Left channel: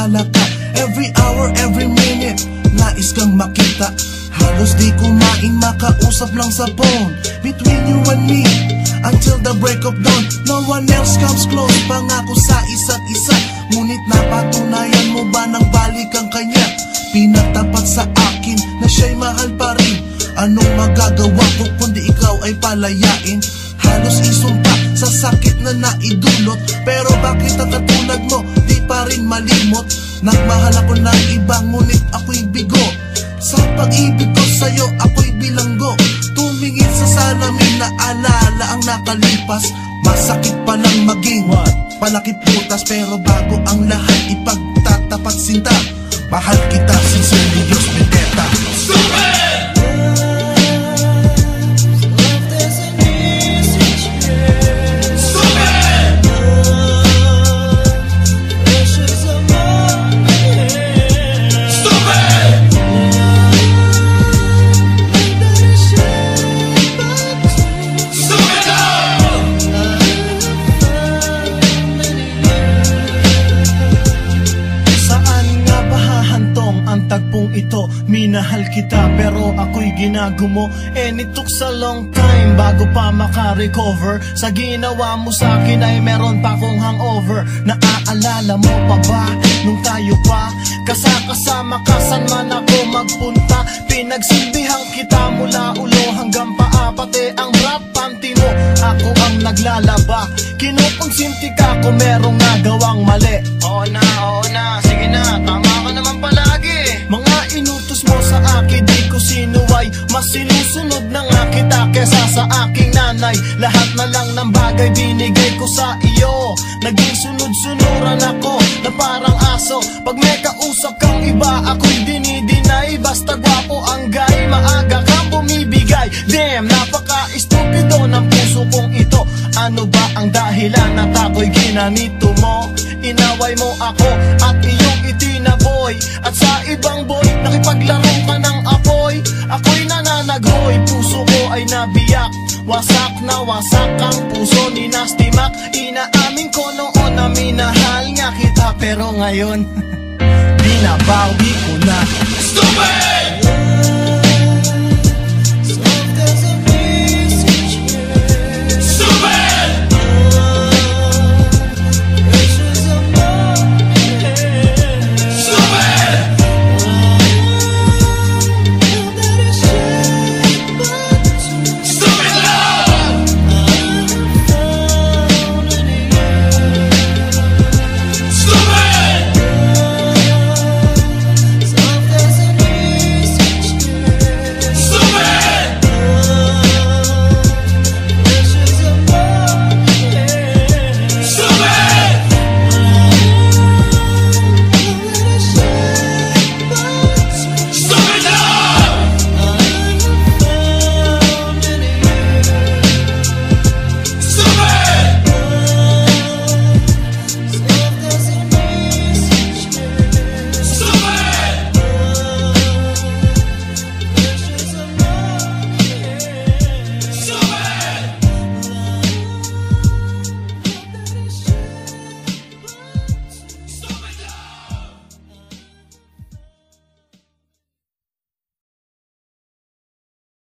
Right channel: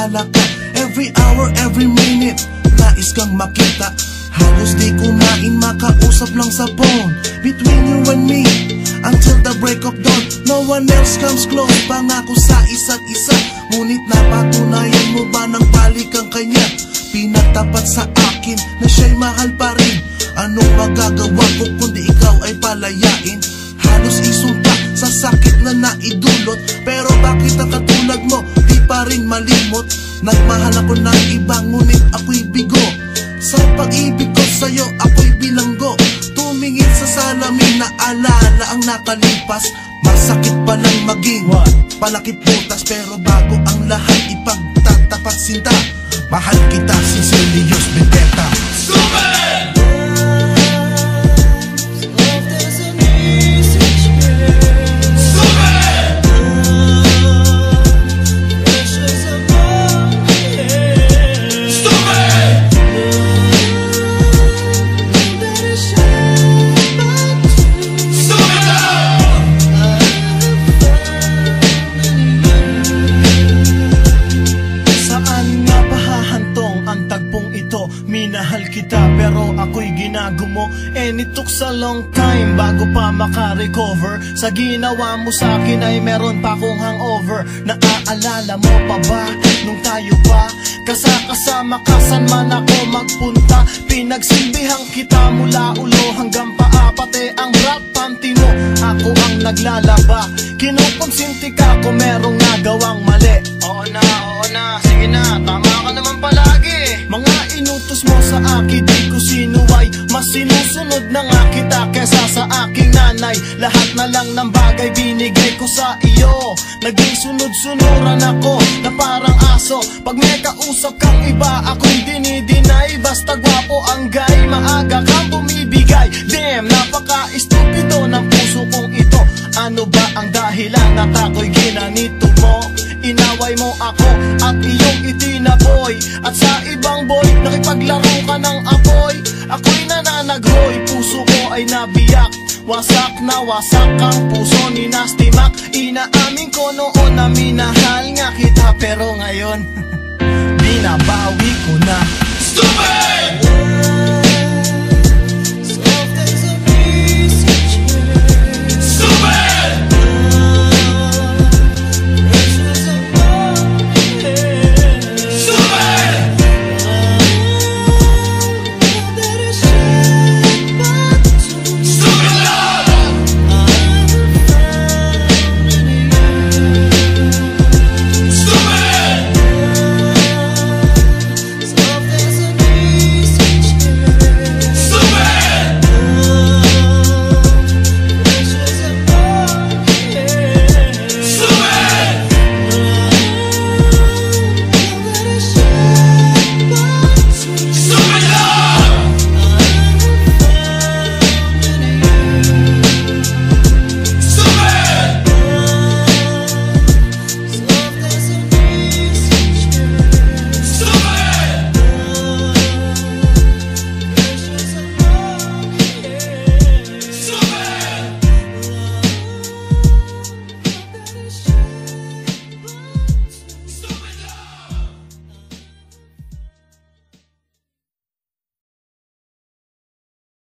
naalala ka. Every hour, every minute, nais kang makita. Halos di kumain, makausap lang sa phone. Between you and me, until the break of dawn. No one else comes close, pangako sa isa't isa. Ngunit napatunayan mo ba nang balik ang kanya? Pinatapat sa akin na siya'y mahal pa rin. Anong magagawa ko kundi ikaw ay palayain? Halos isumpa sa sakit na naidulot. Pero bakit ang katulad mo di pa rin malimot? Nagmahal ako ng iba ngunit ako'y bigo. Sa pag-ibig ko sa'yo ako'y bilanggo. Tumingin sa salamin na alala ang nakalipas. Masakit palang maging palakip butas. Pero bago ang lahat ipagtatapat sinta. Mahal kita, sincerely yours, Vendetta. Stupid! Minahal kita pero ako'y ginagumo. And it took a long time bago pa maka-recover. Sa ginawa mo sa'kin ay meron pa akong hangover. Naaalala mo pa ba nung tayo pa kasama ka saan man ako magpunta? Pinagsilbihan kita mula ulo hanggang paa. Pati ang rap panty mo ako ang naglalaba. Kinukonsinti ka kung merong nagawang mali. Oo na, sige na, tama ka naman palagi. Mga inutos mo sa akin di ko sinuway. Mas sinusunod na nga kita kesa sa aking nanay. Lahat na lang ng bagay binigay ko sa iyo. Naging sunod-sunuran ako na parang aso. Pag may kausap kang iba ako'y dinidinay. Basta gwapo ang guy, maaga kang bumibigay. Damn, napaka-estupido ng puso kong ito. Ano ba ang dahilan at ako'y ginanito mo? Inaway mo ako at iyong itinaboy. At sa ibang boy, nakipaglaro ka ng apoy. Ako'y nananaghoy, puso ko ay nabiyak. Wasak na wasak ang puso ni Nasty Mac. Inaamin ko noon na minahal nga kita. Pero ngayon, binabawi ko na. Stupid!